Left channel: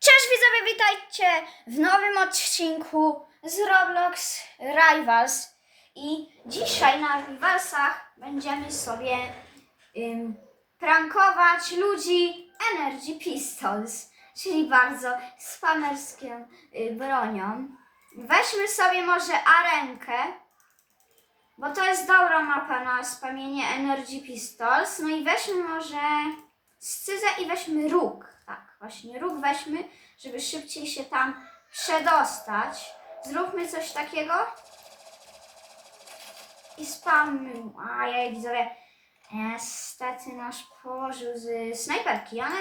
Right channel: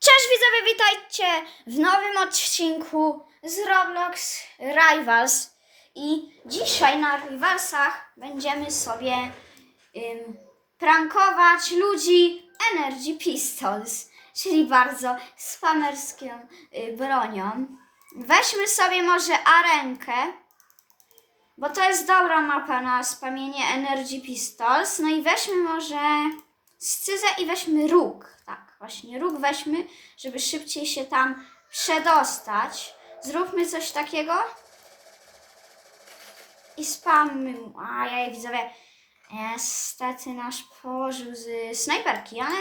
Cześć widzowie, witajcie w nowym odcinku z Roblox Rivals. I dzisiaj na Rivalsach będziemy sobie ym, prankować ludzi Energy Pistols, czyli bardzo spamerską y, bronią. Weźmy sobie może arenkę, bo to jest dobra mapa na spamienie Energy Pistols. No i weźmy może scyzę i weźmy róg. Tak, właśnie róg weźmy, żeby szybciej się tam przedostać. Zróbmy coś takiego. I spammy. A ja widzowie, niestety nasz położył z snajperki, ale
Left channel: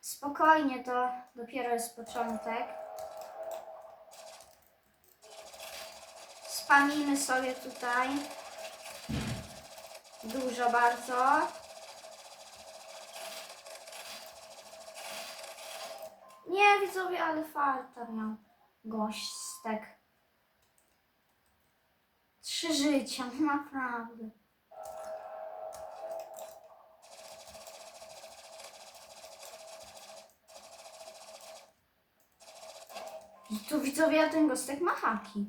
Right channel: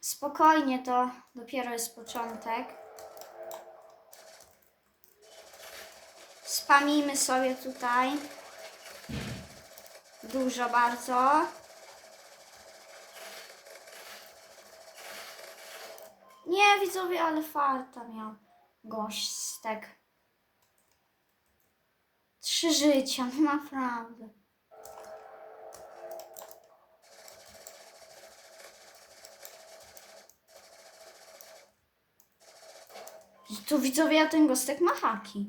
spokojnie, to dopiero jest początek. Spamimy sobie tutaj. Dużo bardzo. Nie, widzowie, ale farta miał gośćstek. Trzy życia, naprawdę. I tu widzowie, a ten gostek ma haki.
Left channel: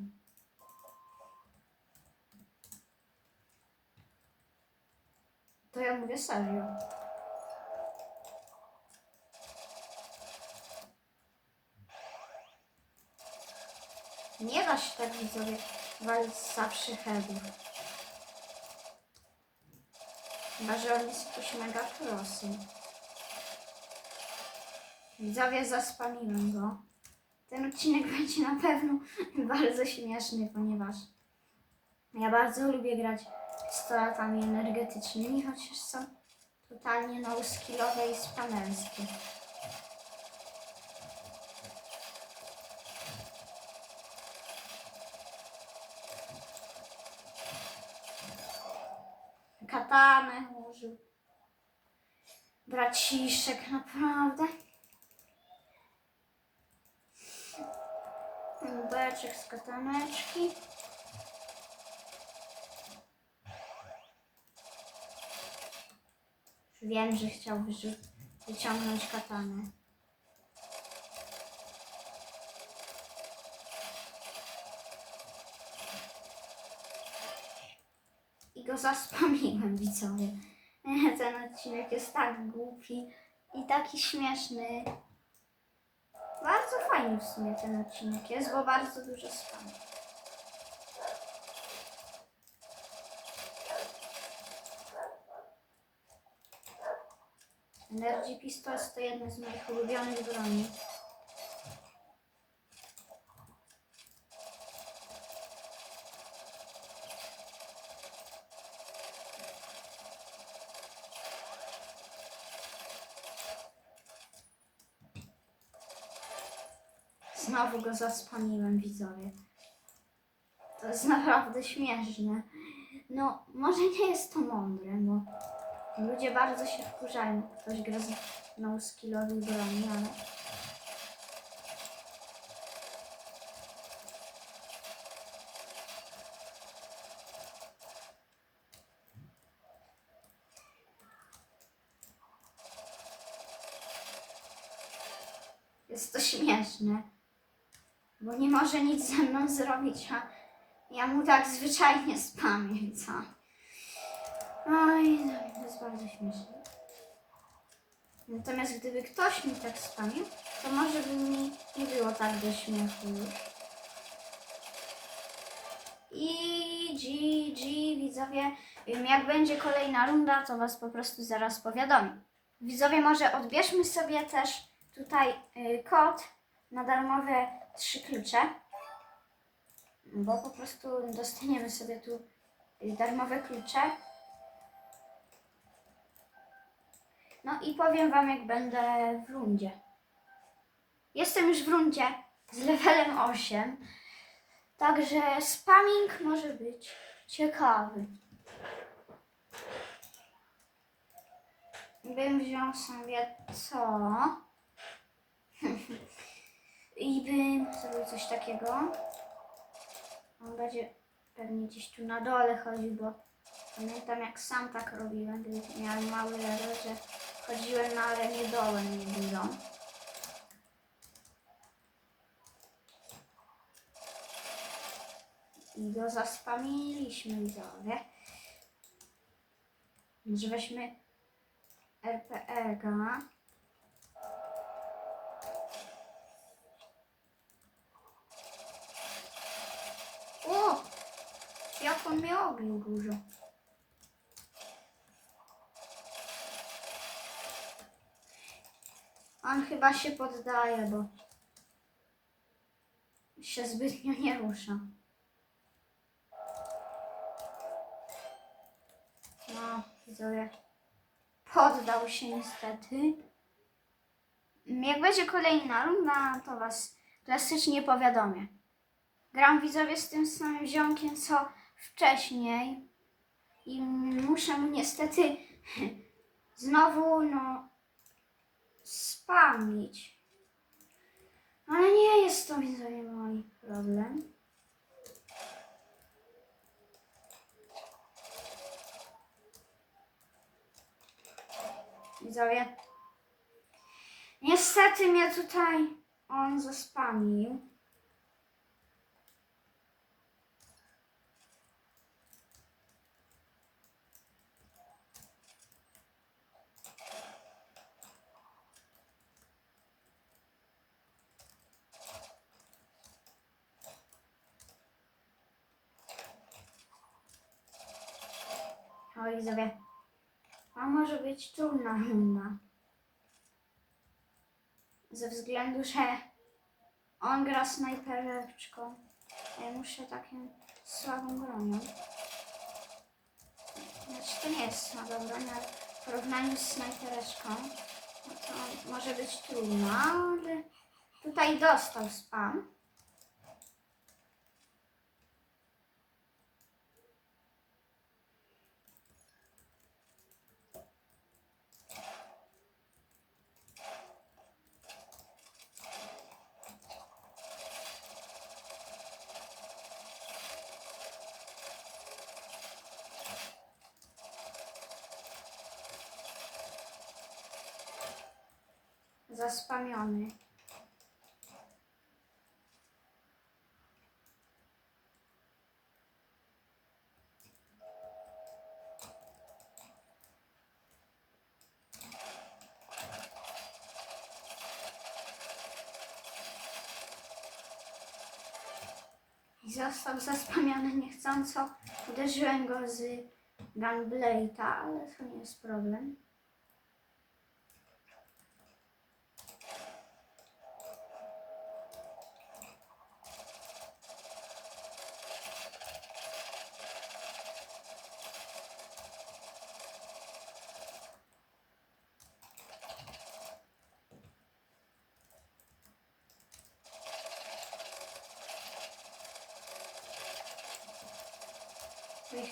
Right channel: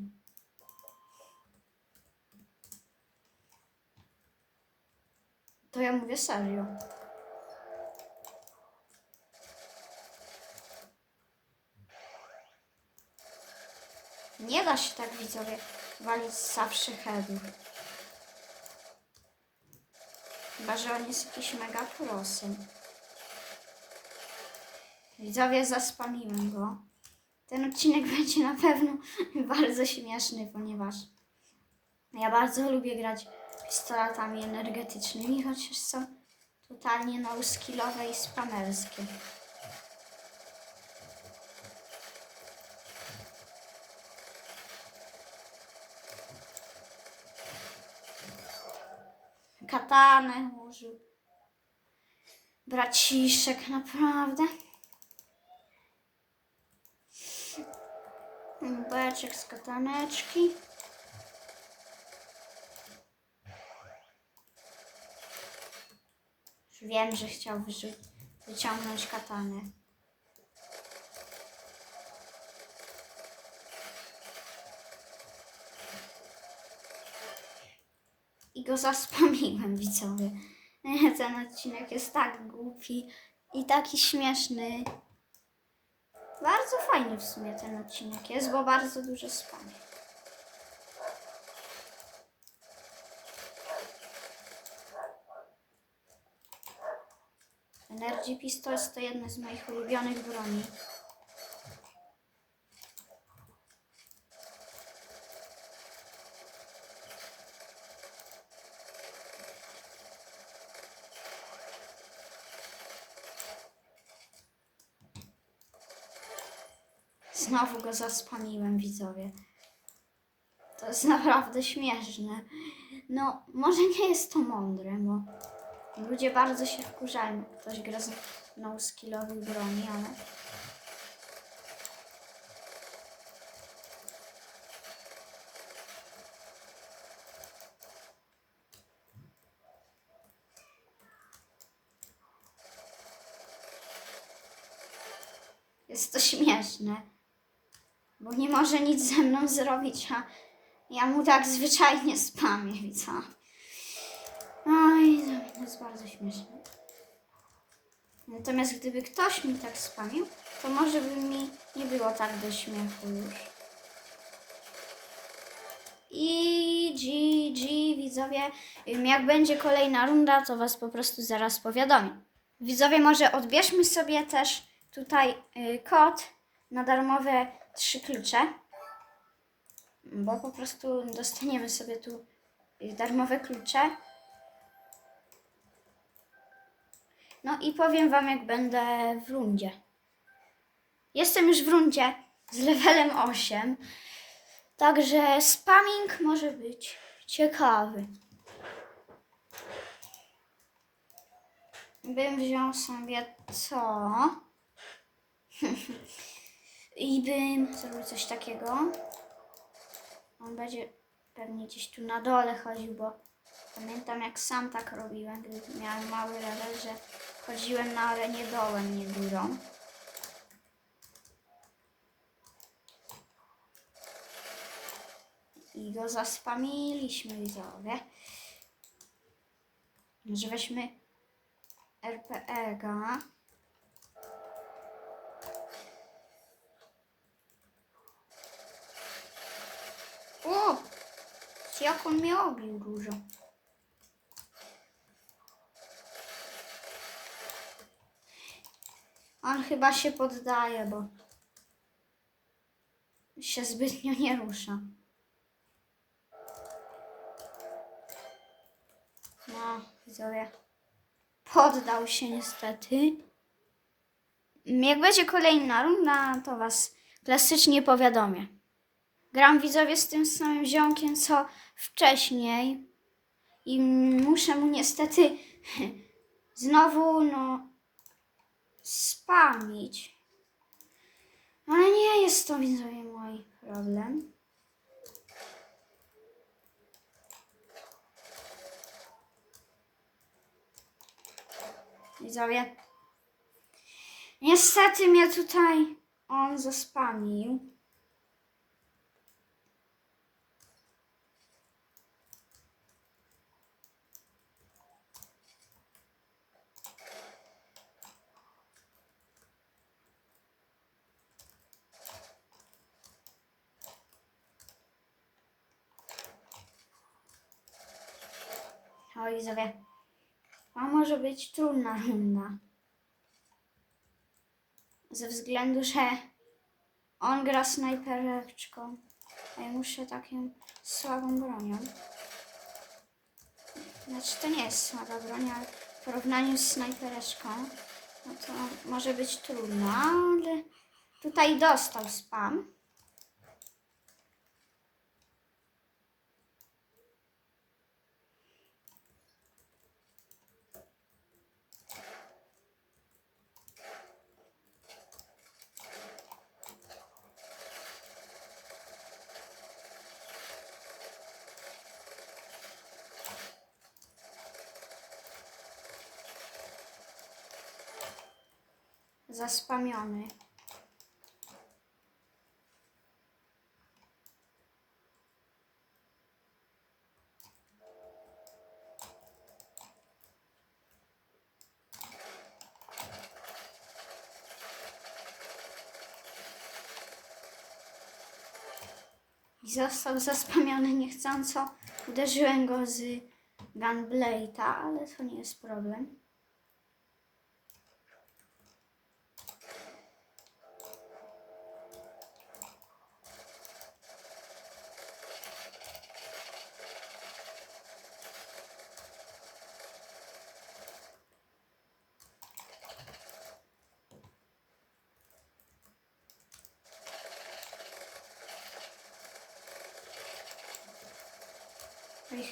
To ja mówię serio. Nie da się tak widzowie walić zawsze heavy. Chyba, że on jest jakiś mega prosy. Widzowie, zaspamiłem go. Ten odcinek będzie na pewno bardzo śmieszny, ponieważ ja bardzo lubię grać pistoletami energetycznymi, chociaż są totalnie no-skillowe i spamerskie. Katanę użył. Braciszek, naprawdę. Beczek z kataneczki. Wiem, że chciał wyciągnąć katanę. Go zaspamiłem, widzowie. Ten odcinek jest tak głupi i taki śmieszny. Bardzo fajny w sumie ten odcinek jest, bo bardzo dużo spam. Energy Pistols to jedna z moich ulubionych broni. Znowu go zaspamiłem, widzowie. To jest naprawdę śmieszne. No, może nie jest to mądre, bo ludzie bardzo się wkurzają, jak ktoś gra z no-skillowych broni, ale... Jest to śmieszne nie może nic ze mną zrobić, a ja mu tak zwyczajnie spamię, co? Oj, to jest bardzo śmieszne. Natomiast gdyby ktoś mi tak spamił, to może by mi nie było tak do śmiechu już. I GG, widzowie, jak będzie kolejna runda, to Was po prostu zaraz powiadomię. Widzowie, może odbierzmy sobie też tutaj y, kod na darmowe trzy klucze, bo po prostu dostaniemy sobie tu darmowe klucze. No i powiem Wam, jak będę w rundzie. Jestem już w rundzie z levelem 8, także spamming może być ciekawy. Bym wziął sobie co? i bym zrobił coś takiego. On będzie pewnie gdzieś tu na dole chodził, bo pamiętam jak sam tak robiłem, gdy miałem mały level, że chodziłem na arenie dołem, nie górą. I go zaspamiliśmy widzowie. Może weźmy RPE-ga. O! Jak on mnie dużo. On chyba się poddaje, bo się zbytnio nie rusza. No, widzowie. Poddał się niestety. Jak będzie kolejna runda, to was klasycznie powiadomię. Gram widzowie z tym samym ziomkiem, co wcześniej. I muszę mu niestety znowu, no, spamić. Ale nie jest to widzowie mój problem. Widzowie. Niestety mnie tutaj on zaspamił. O, widzowie. A może być trudna runda. Ze względu, że on gra snajpereczką. A ja muszę taką słabą bronią. Znaczy to nie jest słaba broń, ale w porównaniu z snajpereczką no to może być trudno, ale tutaj dostał spam. Zaspamiony. I został zaspamiony niechcąco. Uderzyłem go z Gunblade'a, ale to nie jest problem.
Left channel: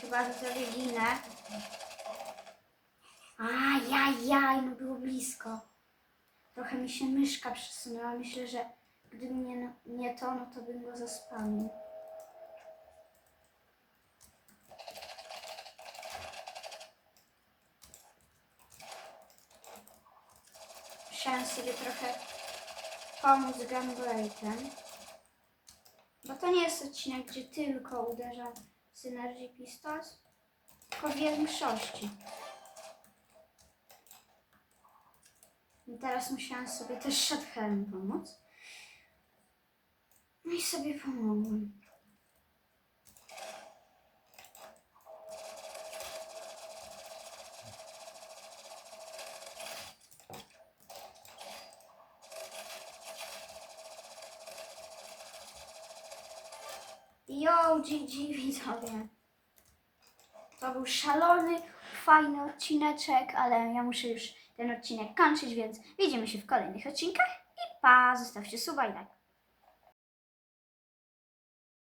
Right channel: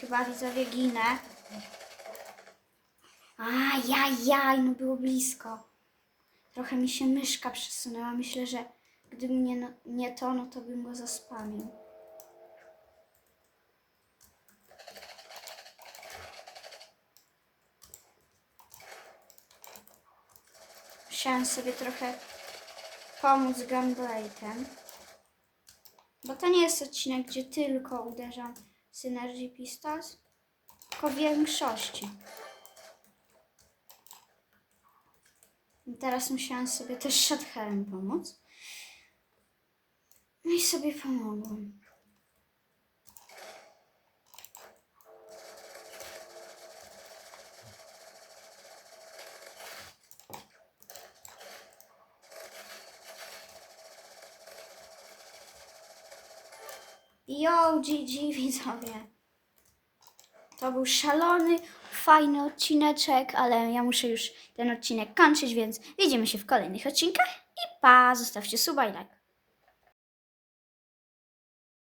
Chyba widzowie ginę. Ajajaj, no było blisko. Trochę mi się myszka przesunęła. Myślę, że gdyby nie, no- nie to, no to bym go zaspamił. Musiałem sobie trochę pomóc Gunblade'em. Bo to nie jest odcinek, gdzie tylko uderzam Synergy Pistols. Po większości. I teraz musiałam sobie też Shothelem pomóc. No i sobie pomogłam. Yo, GG widzowie. To był szalony, fajny odcineczek, ale ja muszę już ten odcinek kończyć, więc widzimy się w kolejnych odcinkach i pa, zostawcie suba i like.